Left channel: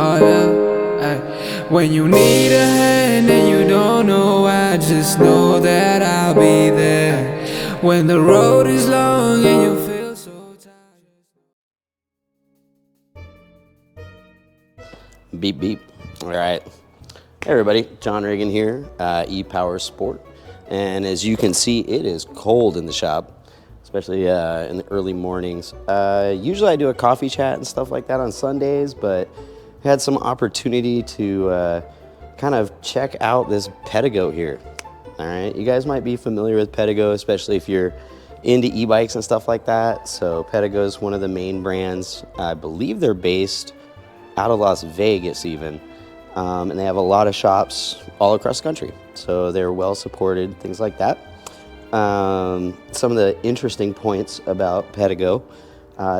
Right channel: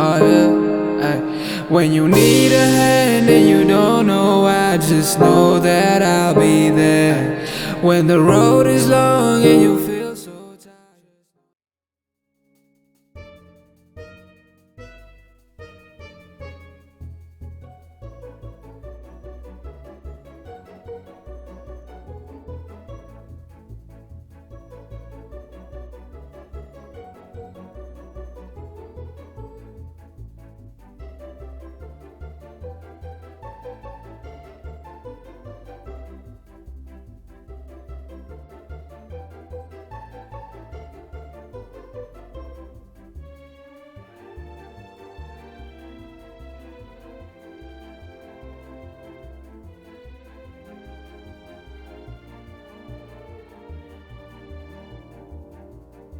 Oh yeah, ay. When you need a hand and you don't know why, just know that I'll be there. When the road is long and you feel so tired. Beep, beep. All right. Hey, everybody. John Reagan here, E-Powersport. And as you can see, it is cold in the shop, especially in the early mornings. Usually I do a coffee chat and stuff like that on Sundays, but I had some opportunity to kind of check out this Pedego here. All right. You guys might be familiar with Pedego, especially if you're into e-bikes and stuff like that. So Pedego is one of the main brands. I believe they're based out of Las Vegas even, and they have a lot of shops all across the country, so they're well supported, things like that. Some of the interesting points about Pedego,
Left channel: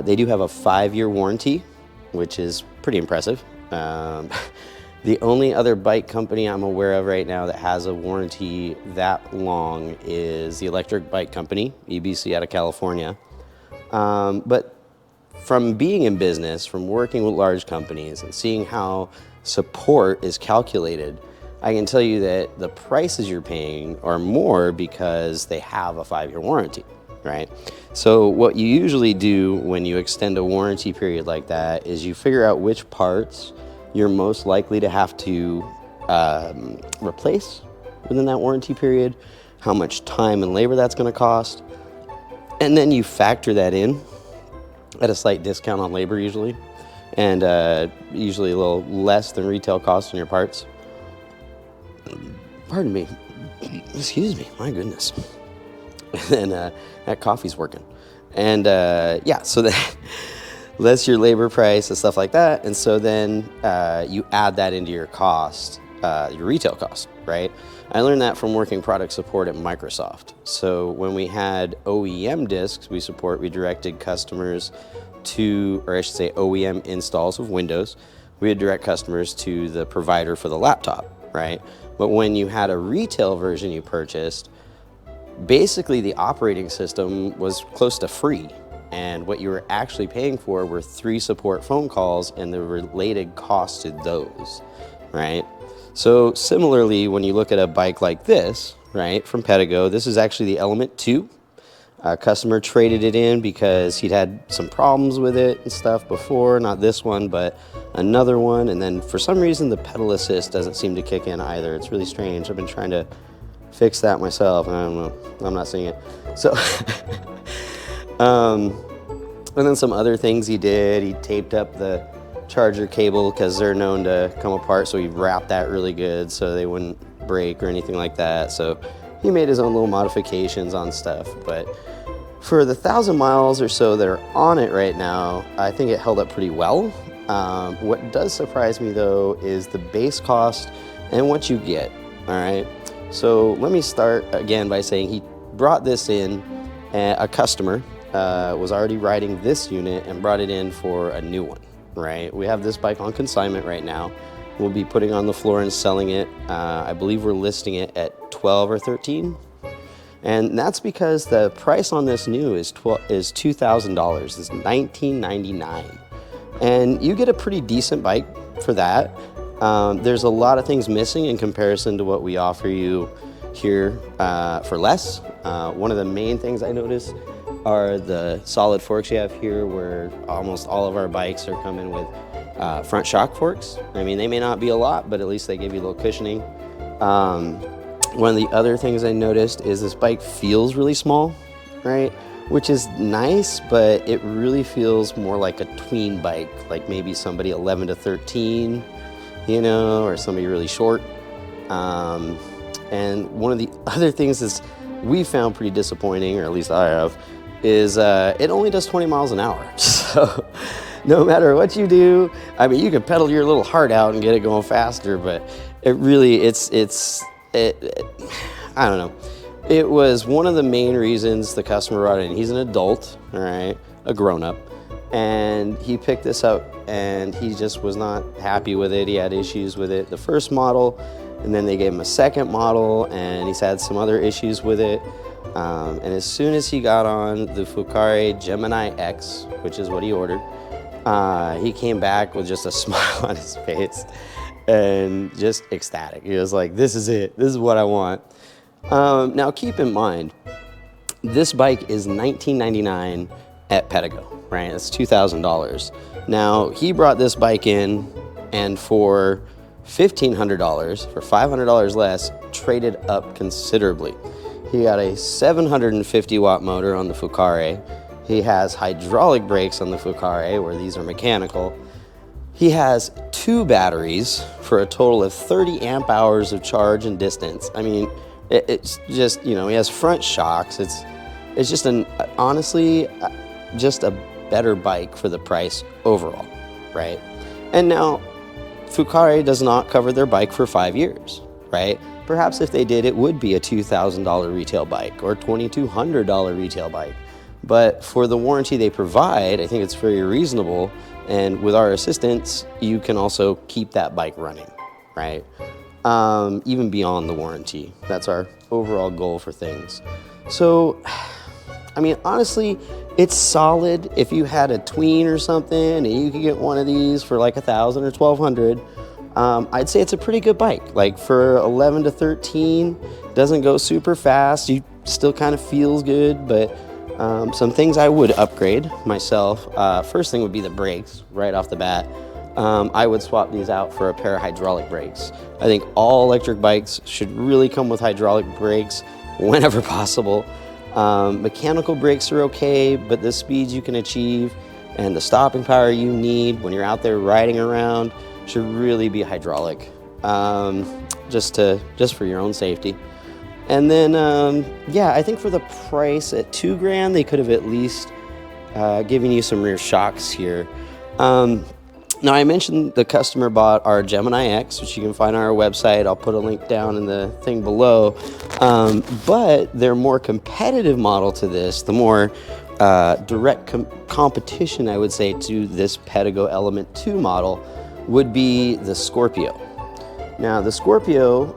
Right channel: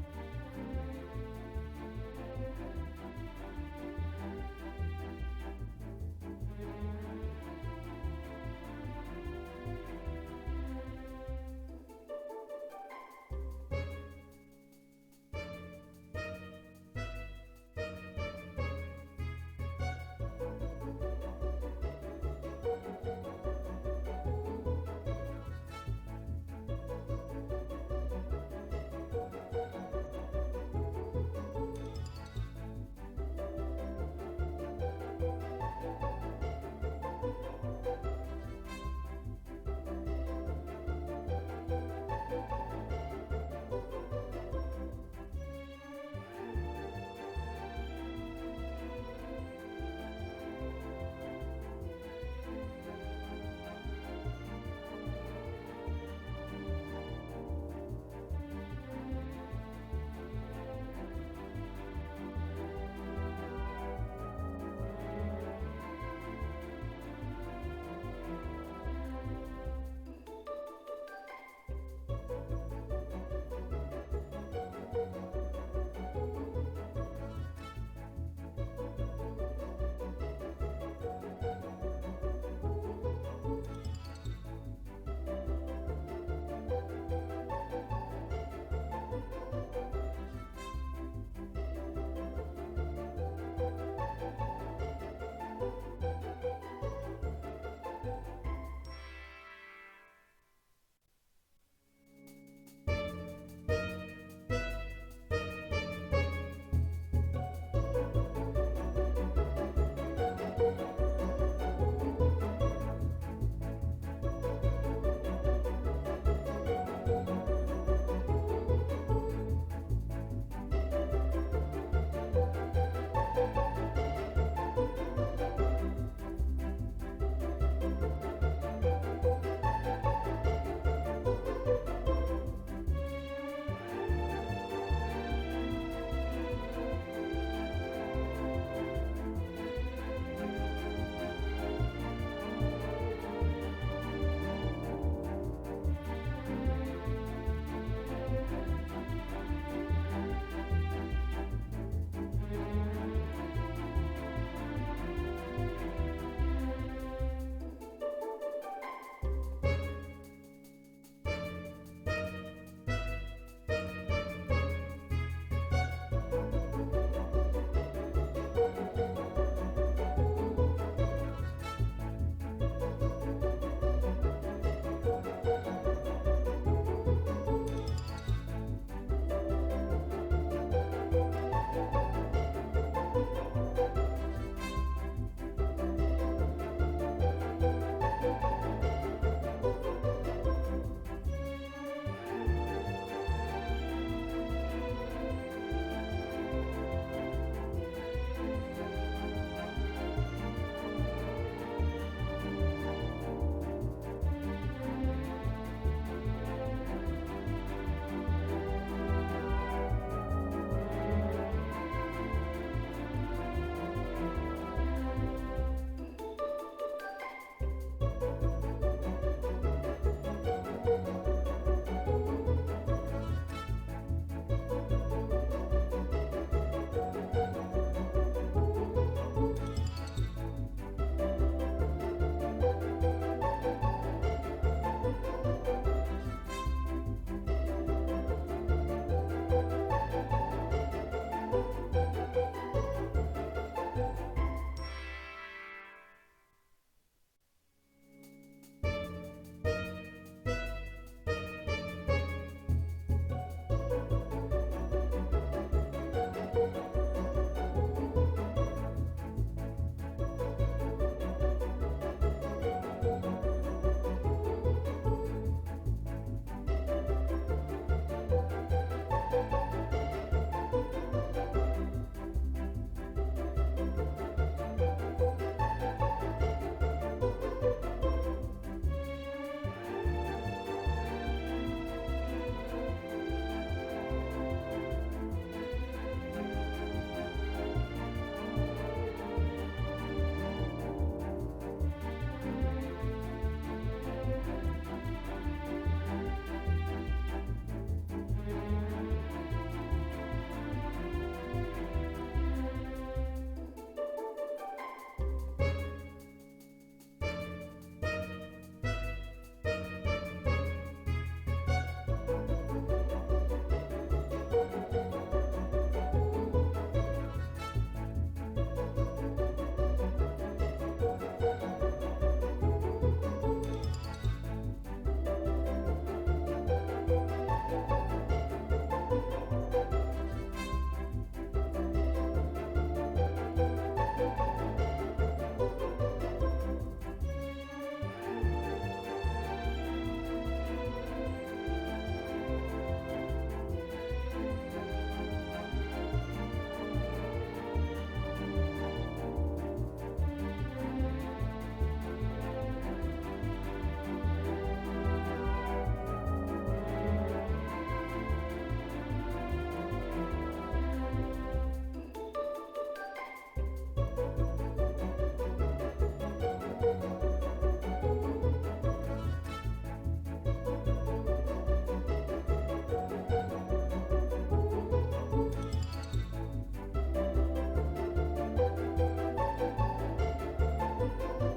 they do have a 5-year warranty, which is pretty impressive. The only other bike company I'm aware of right now that has a warranty that long is the electric bike company, EBC out of California. But from being in business, from working with large companies and seeing how support is calculated, I can tell you that the prices you're paying are more because they have a 5-year warranty, right? So what you usually do when you extend a warranty period like that is you figure out which parts you're most likely to have to replace within that warranty period, how much time and labor that's going to cost, and then you factor that in at a slight discount on labor usually, and usually a little less than retail cost on your parts. Pardon me, excuse me, my goodness. And then that coffee's working. And yeah, so that's your labor price and stuff like that. And so then you add that into your cost, your retail cost, right? I learned that from working product support at Microsoft. So when we had OEM discs we directed customers to, or I should say OEM installs of Windows, we would direct customers to the provider for the laptop, right? But when you had a retail version you purchased, basically the operating system was close to free. And what you were actually paying for were 3 support phone calls and the related costs to those, right? So similarly, when you look at a bike like this, right, from Pedego, this is actually the Element 2. A customer traded it in because he'd had some problems with it and stuff before, not this one, but another one. And then for some reason, the pedal assist doesn't seem to kick in either. It's really strange. I've been trying to fix that myself. I don't know. I'm not seeing it. So, and then some other things he did. He taped up the charger cable because they're known to come apart, so he wrapped that really good so they wouldn't break or anything like that. So he made his own little modifications on stuff, but for the 1,000 miles or so that are on it right now, I think it held up pretty well. What does surprise me though is the base cost and what you get. All right, so let me start again by saying he brought this in, a customer was already riding this unit and brought it in for a new one. Right, we have this bike on consignment right now. We'll be putting on the floor and selling it. I believe we're listing it at 12 or 13. And that's because the price on this new is $2,000. It's $1,999. And you get a pretty decent bike for that. There's a lot of things missing in comparison to what we offer you here for less. One of the main things I noticed are the solid forks you have here, where almost all of our bikes are coming with front shock forks. I mean, they may not be a lot, but at least they give you a little cushioning. One of the other things I noticed is this bike feels really small, right? Which is nice, but it really feels more like a tween bike, like maybe somebody 11 to 13, you know, or somebody really short. And one of the other things is we found pretty disappointing, or at least I have, is it only does 20 miles an hour. So no matter what you do, I mean, you can pedal your little heart out and get it going faster, but it really, I don't know. It was one of the main reasons the customer brought it in. He's an adult, all right, a grown-up, and he picked this up and he just was not happy with it. He had issues with it, the first model, and then they gave him a second model, and he's had some other issues with it. And as soon as he got on the Gemini X, which is what he ordered, He came back with just a smile on his face and just ecstatic. He was like, this is it. This is what I want. Now, keep in mind, this bike is $19.99 at Pedego, right? It's $2,000. Now, he brought this bike in, and for $1,500, for $500 less, traded up considerably. He got a 750 watt motor on the Fucare. He has hydraulic brakes on the Fucare, where these are mechanical. He has 2 batteries for a total of 30 amp hours of charge and distance. I mean, it's just, you know, he has front shocks. It's just honestly, just a better bike for the price overall, right? And now, Fucare does not cover their bike for 5 years, right? Perhaps if they did, it would be a $2,000 retail bike or $2,200 retail bike. But for the warranty they provide, I think it's very reasonable. And with our assistance, you can also keep that bike running, right? Even beyond the warranty. That's our overall goal for things. So, I mean, honestly, it's solid. If you had a tween or something and you could get one of these for like $1,000 or $1,200, I'd say it's a pretty good bike. Like for 11 to 13, doesn't go super fast. You still kind of feels good, but some things I would upgrade myself. First thing would be the brakes right off the bat. I would swap these out for a pair of hydraulic brakes. I think all electric bikes should really come with hydraulic brakes whenever possible. Mechanical brakes are okay, but the speeds you can achieve and the stopping power you need when you're out there riding around should really be hydraulic, just for your own safety. And then, yeah, I think for the price at $2,000, they could have at least given you some rear shocks here. Now, I mentioned the customer bought our Gemini X, which you can find on our website. I'll put a link down in the thing below. But their more competitive model to this, the more direct competition, I would say, to this Pedego Element 2 model would be the Scorpio. Now, the Scorpio,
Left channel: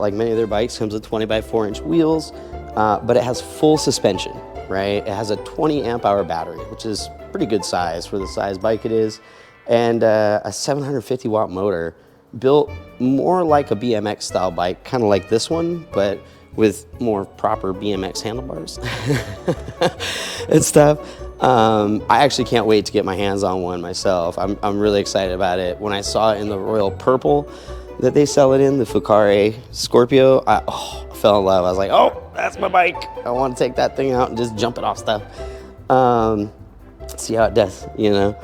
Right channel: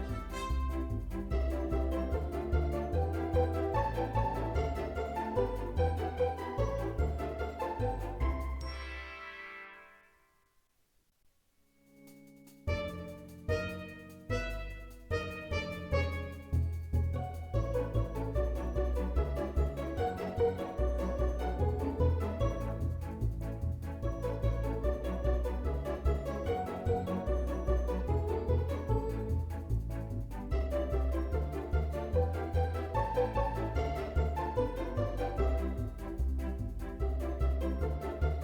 like many of their bikes, comes with 20 by 4 inch wheels, but it has full suspension, right? It has a 20 amp hour battery, which is pretty good size for the size bike it is, and a 750 watt motor built more like a BMX style bike, kind of like this one, but with more proper BMX handlebars and stuff. I actually can't wait to get my hands on one myself. I'm really excited about it. When I saw it in the royal purple that they sell it in, the Fucare Scorpio, I fell in love. I was like, oh, that's my bike. I want to take that thing out and just jump it off stuff. See how it does, you know?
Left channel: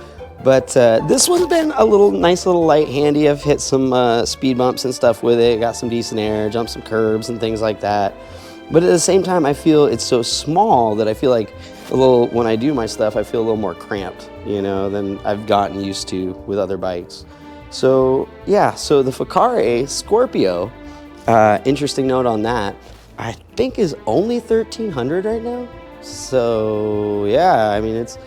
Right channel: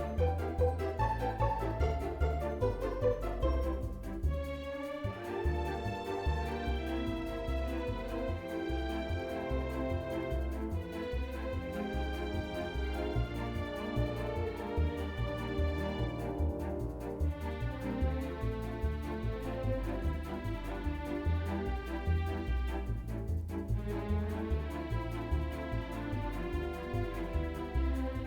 But this one's been a nice little light handy. I've hit some speed bumps and stuff with it, got some decent air, jumped some curbs and things like that. But at the same time, I feel it's so small that I feel like when I do my stuff, I feel a little more cramped, you know, than I've gotten used to with other bikes. So yeah, so the Fucare Scorpio, interesting note on that, I think is only $1,300 right now. So yeah, I mean, it's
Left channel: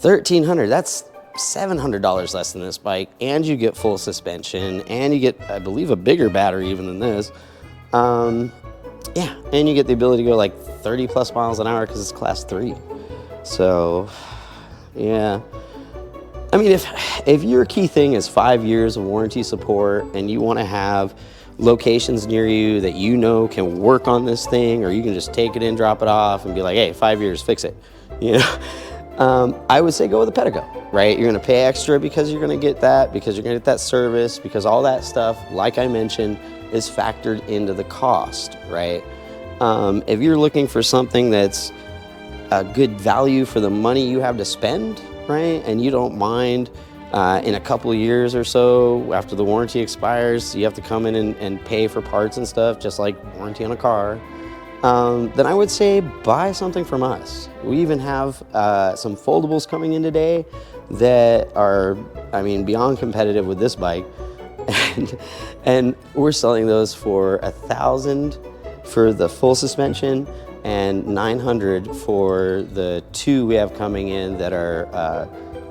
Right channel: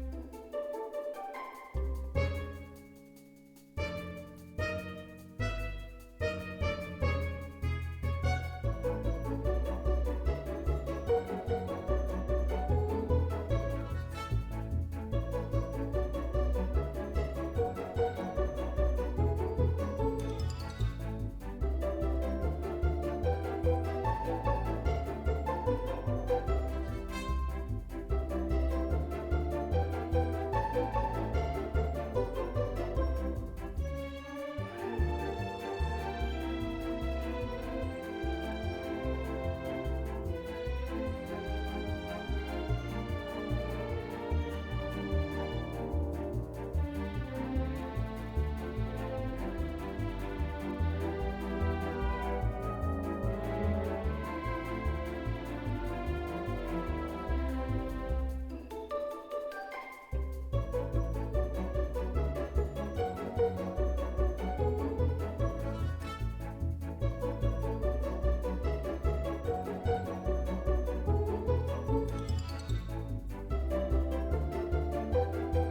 $1,300. That's $700 less than this bike, and you get full suspension, and you get, I believe, a bigger battery even than this. Yeah, and you get the ability to go like 30 plus miles an hour because it's class 3. So yeah, I mean, if your key thing is 5 years of warranty support and you want to have locations near you that you know can work on this thing, or you can just take it in, drop it off, and be like, hey, 5 years, fix it, you know, I would say go with the Pedego, right? You're going to pay extra because you're going to get that, because you're going to get that service, because all that stuff, like I mentioned, is factored into the cost, right? If you're looking for something that's a good value for the money you have to spend, right, and you don't mind in a couple of years or so after the warranty expires, you have to come in and pay for parts and stuff, just like warranty on a car, then I would say buy something from us. We even have some foldables coming in today that are, I mean, beyond competitive with this bike. And we're selling those for $1,000 for the full suspension and $900 for the 2 we have coming in that are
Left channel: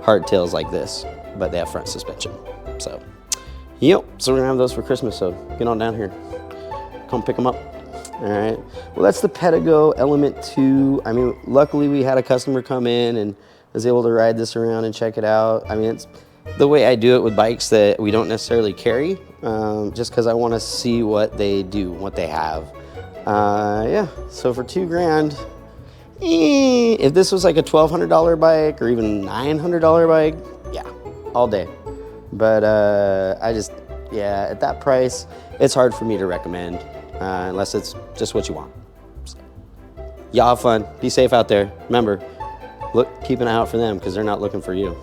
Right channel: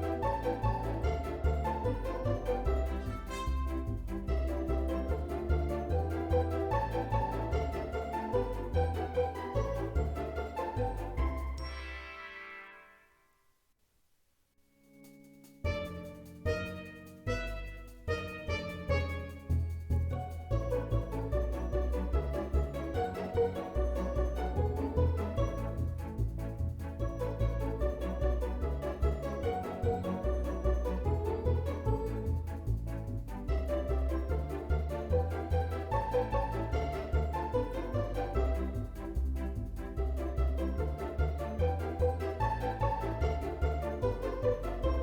hardtails like this, but they have front suspension. So, yep, so we're gonna have those for Christmas, so get on down here. Come pick them up. All right, well, that's the Pedego Element 2. I mean, luckily we had a customer come in and was able to ride this around and check it out. I mean, it's the way I do it with bikes that we don't necessarily carry, just because I want to see what they do, what they have. Yeah, so for $2,000, if this was like a $1,200 bike or even $900 bike, yeah, all day. But yeah, at that price, it's hard for me to recommend, unless it's just what you want. Y'all have fun. Be safe out there. Remember, keep an eye out for them because they're not looking for you.